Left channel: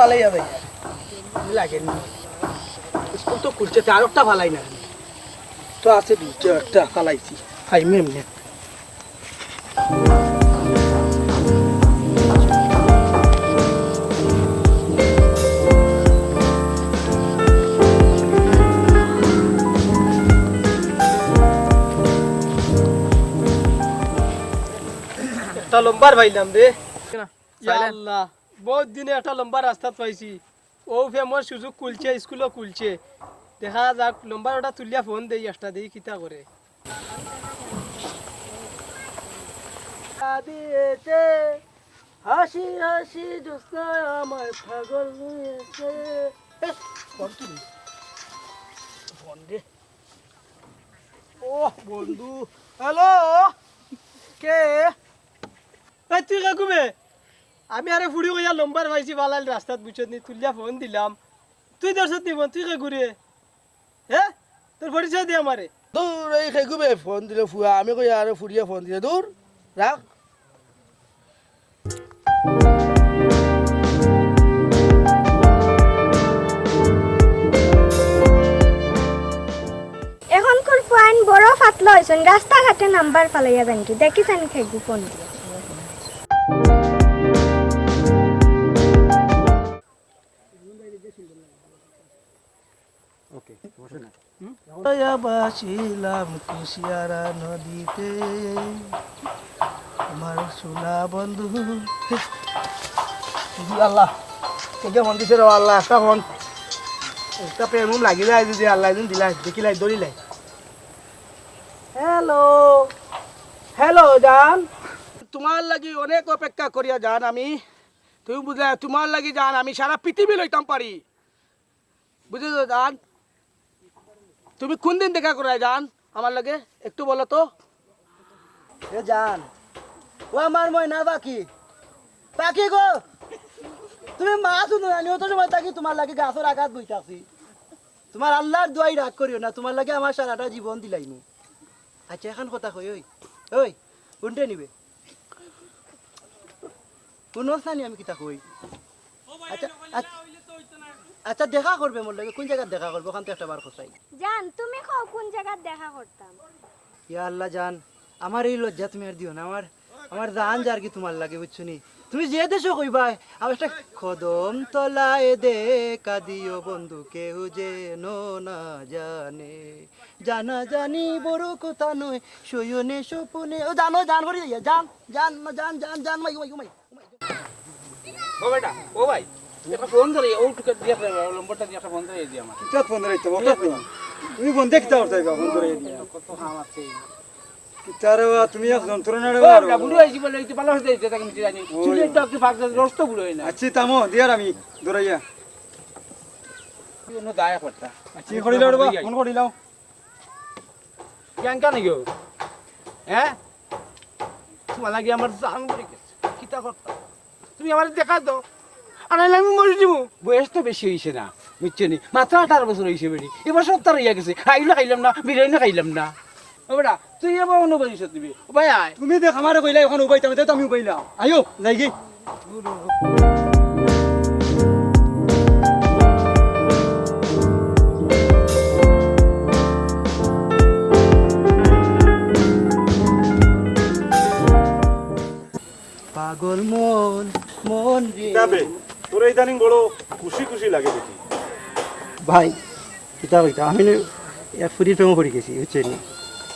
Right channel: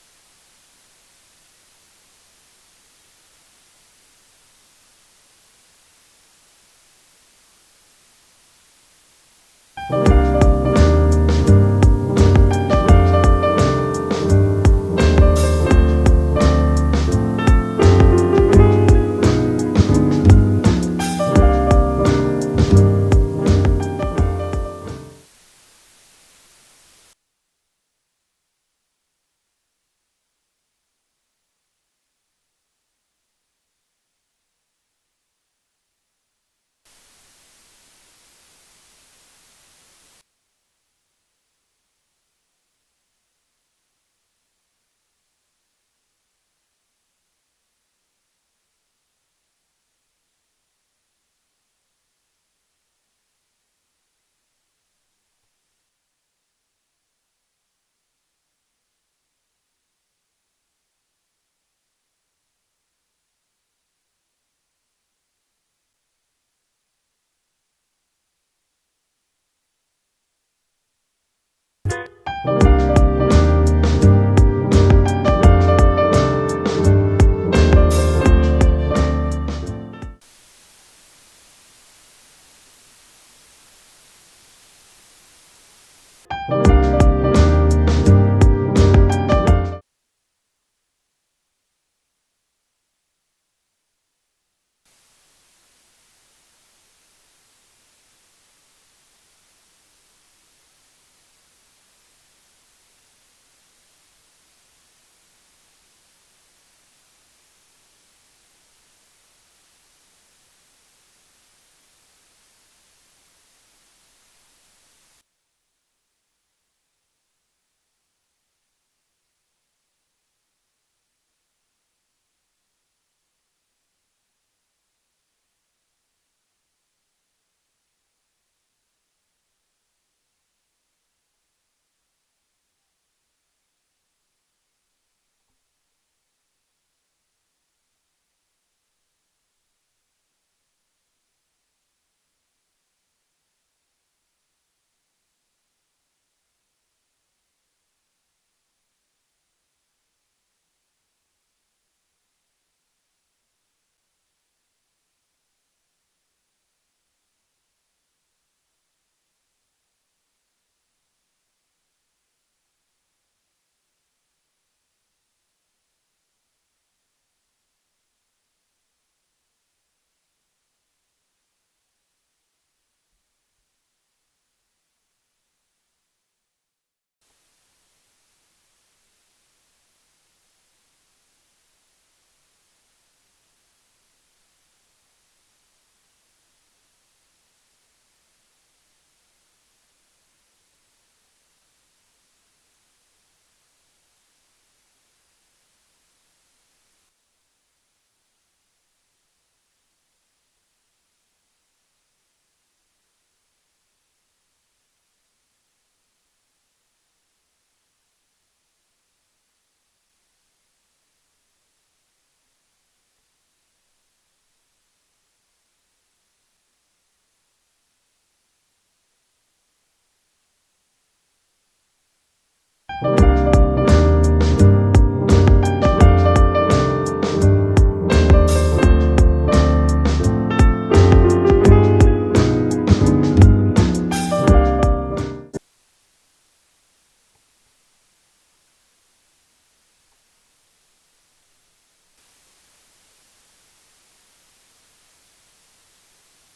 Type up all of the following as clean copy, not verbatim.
ফালাই যাবে লাগে না স্কুল তো খুলছে আর একটা ফালাই না তো আছে দুটো একটা ফালাইছি খাইমে এমনি একটা লম্বার ভাইলাম রে আল্লাহ বহুত দিনে একটা লম্বা রাস্তা পাইছি ও ফেমস সুযোগ খুলছে স্কুলও খুলছে দেখা যাক লম্বার ওটা তুলিয়া ফোন দেই একটা দেই কিতা করে দিয়েছে হাসি হাসি জোৎস্না আমার পাগল হয়েছে ফোন তুলি ফোন দে ও বন্ধু হ্যালো কে এই তুই কাকুবে আমি আরে ফুড়ি কইয়া লম্বার পাইছি বালাল রাস্তাত বুঝছত নি তুলিয়া ফোন দিলাম তুই দর্শত নি তুই কে ঘুরে হ্যাঁ তোর পরিচয় দে আমারে দূর এই খেগুবে ফোন দিলে ফুয়া আমি কই আরে ফুরিয়া ফোন দিলে দূর রাখ এখনকার পয়েন্ট বড় ফাটলো হয়েছেন রাস্তাঘাটে নাম্বার ফালাইয়া যান কি দেখিছেন খেগু ফোন দিয়ে বাসিলাম কুশিয়ারা নদীতে আমার সোনা বন্ধু আল্লাহ কে ফোন দিছে রে আল্লাহ একটা ফোন একটা প্রেম লাগি যায় যদি আল্লাহ দিন দিলাই দেখিলাই দৌড়িলাই হ্যালো হ্যালো জান তোমার লাগি অনেক অপেক্ষা করিয়া জান আমি তুমি বুঝলে তোমার লাগি জান আমি সারা পৃথিবী লইতাম পারি বুঝেছো জান তুমি কোন দিন দেখা করাই জান আমার লাগে একটু বলো তো এ জান ও আমার ময়না পাখি পাখি গো তুমি মা শুনো না অত সময় থাকি তোমার লাগে গাছের আঘাত বইতাছি তোমার আল্লাহর দোয়াই রাগ করিও না তোমার লাগে আমার সারাটা জীবন দিলাইনি আচ্ছা এখন কথা কই ওই ওই কোনটা নিবে কোন স্থানে আমি কিতা কই আচ্ছা আচ্ছা দেখা করবে মোর লাগে কোন জায়গায় দেখা করবে ওখান থেকে একটা বার খসাই জান তুমি কও কোন জায়গায় দেখা করতাম ইয়া আল্লাহ জান আমার এই লজ্জা তুমি আর দিও না আমার জান যার কি তোমার লাগে বুঝছো নি তুমি যে দেশো কইবা আমার একটা কদম তলায় দেখা দিও বন্ধু কেউ যেন না জানে জানা জানি বড় কথা নয় শয়নে স্বপনে ও জানো জান করি জান জান জান জান জান মাই মাই মাই ও বেটা ও ভাই একটা ফোন ধরে ও টুকে দিয়া নম্বরটা দিয়ে একটা ফোন ধরে দি আমার কিতা ফোন ধরে তো তুমি ফোন দেখতে পারছো ফোন ধরে কত হাম আছে কিতারে তুমি এক যন্ত্রণা রে ও বুড়ো হইছি বলে এই ভালো হইছে এটা আমি জানি চুলে তো একটু ফাঁক রস্ত বুড়ো হই না আচ্ছা তামো দিয়ার আমি দৌড়াইয়া কোনো দায়া করতা কি করিলাও রে ফোন করিলাও কেন কেন গো হ্যাঁ তোমার লাগে আমার জান পড়ে গেছে কিতা করতা তুমি আমার দেখা দাও আর আমি মরে যাবো বয়স তো বেশি হয়েছে না বুঝছো নি মাত্র 18 বছর হয়েছে বেড়ি এবার 70 হইয়া গেছে খাইলে খাইলাম না বিরিয়ানি খাইলাম না ও বেটা তুই এবার অনুবাদিস দিবি ও ভাই আয় তুমি দেখ আমারে কইলা এখন উবাইতাম তো আমি উবাইলাম আইও যাই কি পাগল মন মন যাবে তোর ইদানিং বড় খুশি খুশি লাগে দেখি ভাই কিতা কইতা আমি এক ফুটির প্রেমও পড়ে গেছি বুঝছেন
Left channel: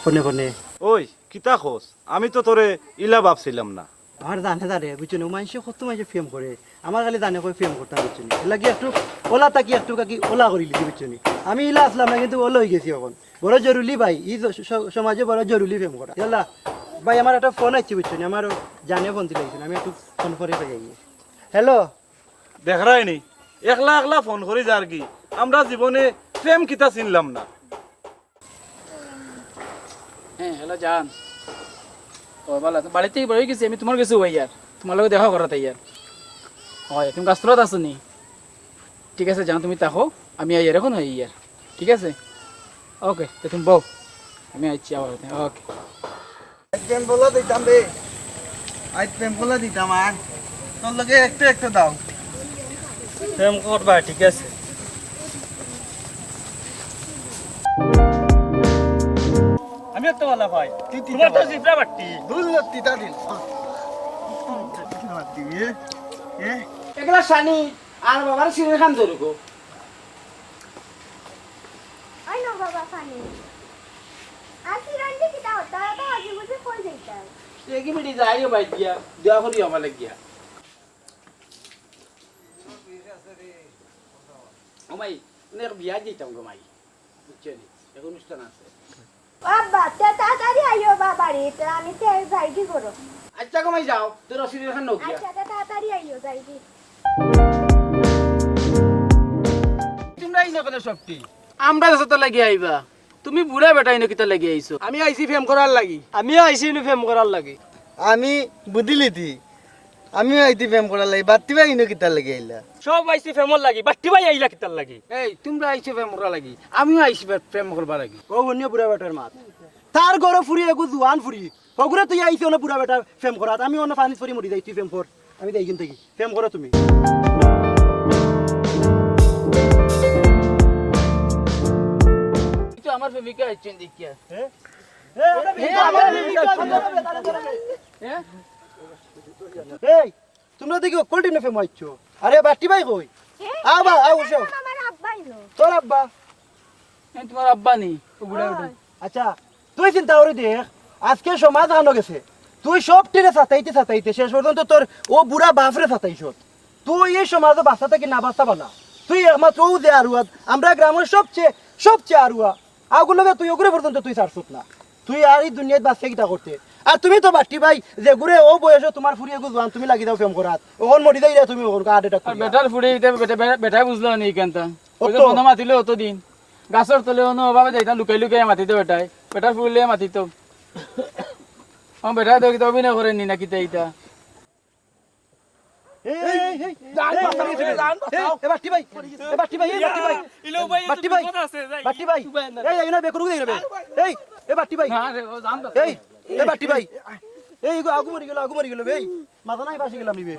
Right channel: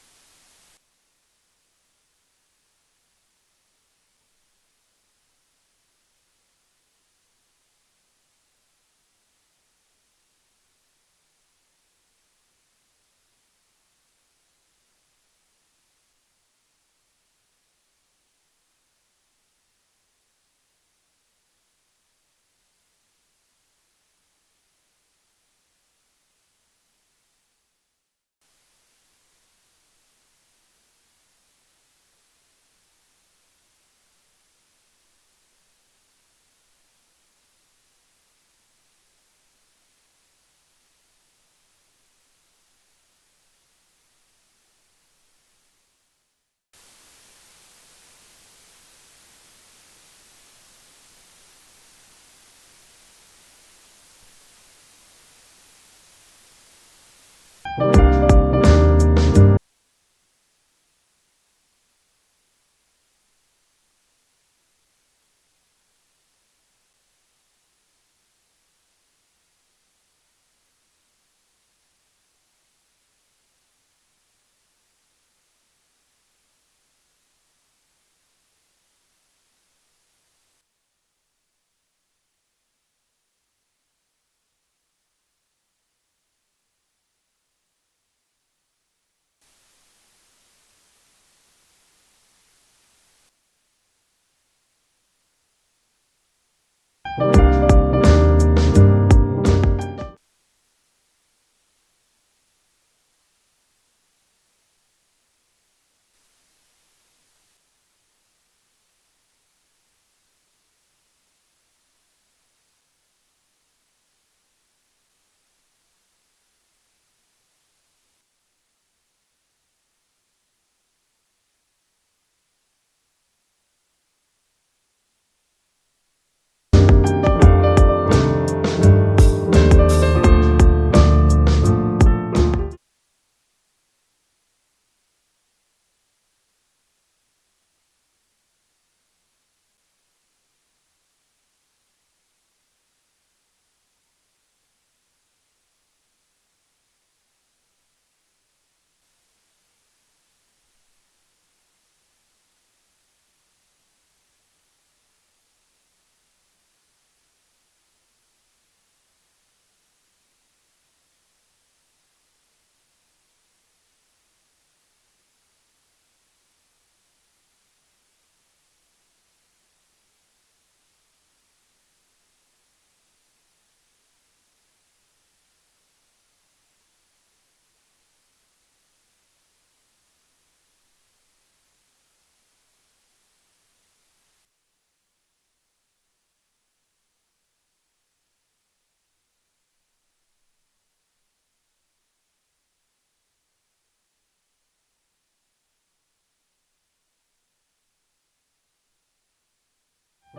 ফোনে ফোনে ওই কিতা খোঁজ আমি তো তোরে ইলা ভাবছিলাম না আমার জানে জানে বুঝছেন মানুষে কত মানুষে ফেম করে আমার খালি জানে কই ফেম করতাম বুঝছেন লাগি একটু ওলা তাকি একটু কাকি ওলা করি লিখি বুঝছেন আমি ইলা আসলাম না কিন্তু ওলা হয়ে গেছি এখন বড় জরুরি ভাই এই সমাজে বড় জরুরি ফেম করা ইয়াল্লা ভাই আমার একটা ফোন আসছে বুঝছেন আমার জানে ফোন দিলে আমি একটু ফোন করে যাই হ্যালো দেখাই নি একলা একলা ফোন করি যার কি আমরা জীবনে প্রেম কিতা চিনলাম না হ্যাঁ হ্যালো জান ও ভালো বাড়িতেই বড় গেছি আমি তোমার কাছে ইয়ার তোমার লগে দেখা করা তাই ইয়ার হয় তুমি কাস্তরত আছো নি ঠিক আছে জান তুমি থাকো আমি আইয়ার এখন হই ইয়ার ঠিক আছে ওকে তো তুমি বউ আমি আইছি আবার ওকে প্রেম বলা দিতাম রে আজ প্রেম বলা দিতাম আর তোর লগে একটু একটু দাও প্রেম করবা ঠিক আছে আমি একটা বলা ভাই তোমার তো জিব্রা বাট্টি এগুলা সানি আর বাবার সিনে খান ধরুকো আই না বাবা পানি আসি রান্দি কিটা হতা তো আজি বুঝে কই যাইতা এগি মিটি যাইও বাই দিয়া দেওয়া করি আমার লাগিয়া ও মাই নে বিয়া দিতাম গো মাই বুঝছেন এখন অনুষ্ঠান আছে বাবা তাড়াতাড়ি আইও বাবারে তে আমি তে যাই কি করো আচ্ছা গো মাই যাও তোর অসুবিধা খান নকিয়া আচ্ছা তাড়াতাড়ি আইও যাই কি তোমরা ইনো কেন শক্তি আমরা কাছে তো লাগি আইবা তুমি বুড়া বেটা ইনো কিতা লাগি আইছো আমি আইছি ফেম করার লাগি আমিও আইছি ইনু ফেম করার লাগি আমি বুঝলি দি আমিও আইতি প্রেম করার লাগি বাত্তি ভাই ইনো কিতার লাগি আইলা সব আইছি ফেমর লাগি বাট্টি ভাই আইলা কিতার লাগি এই তোমরা আইছো প্রেম করা লাগি আমিও আইছি প্রেম করবা লাগি ও অন্য বুড়া বেটার মাত তার ঘরে ফুরি এগু জুয়ান ফুরি ওগুলো তুই আইছি অন্য বুড়া বেটা প্রেম করাত আমি অন্য পানি ফুরি মরি যাই তুই প্রেম কর আমি দেই কিন থেকে প্রেম করো তুমি তো আমার প্রেমিকা আইছেন দেখিয়া এই তোমরা দেখি কোল্ড টিনে প্রেম আইছো আরে বাট্টি ভাই কই আবা আও বসো আমার আব্বাই নো তোর আব্বা তোমার আব্বা নি ও বুড়া বেটা আচ্ছা তুই চিন্তা করে দেখ আজকে সমাজ আনো গেছে তুই সব টিনে সাতাইতে শেষ পর্যন্ত তোর ও বুড়া বাপরে সাতাইছ তুই এই সমাজে বাঁচা থাকি না বাঁচা বালা তুই একমাত্র ও যে আরুয়া আমরা গ্রামের সবচেয়ে আরুয়া আগুলোকে তুই ওগুলো পর্যন্ত তুই ছাড়ছত না তুই আর এই দুনিয়াত বাঁচতে কিটা করতে আর তুমি তো বাট্টি ভাই যে ঘুরে ও বয়সে তোমার ফুরিয়ে গুজবান তুমি লাগি দাও ফেম করাত ওখন মরি যাই তুমি ওখন কাট এটা আর বেটার ফুড়ে বেটা বুঝলো নি কেনতা ওই যে অত? বন্ধ মাতিলে অত দিন গাছর তলে অন্য অভাবে যাইতাম লুকাই লুকাই মাতিতে বেটাই বেটার ফুড়লে মাতিত বেটা তো কিতা অভিনয় করেন নি না কিতা এইটা বাট্টি ভাই বাট্টি ভাই বাট্টি ভাই বাট্টি ভাই এই এই না বেকরু দেই রে এই এ বাট্টি ভাই না রে ও জানতো এই এ বাট্টি ভাই এই আগু মরি গেল এই মাথা নাই বাসি গেলাম নিবে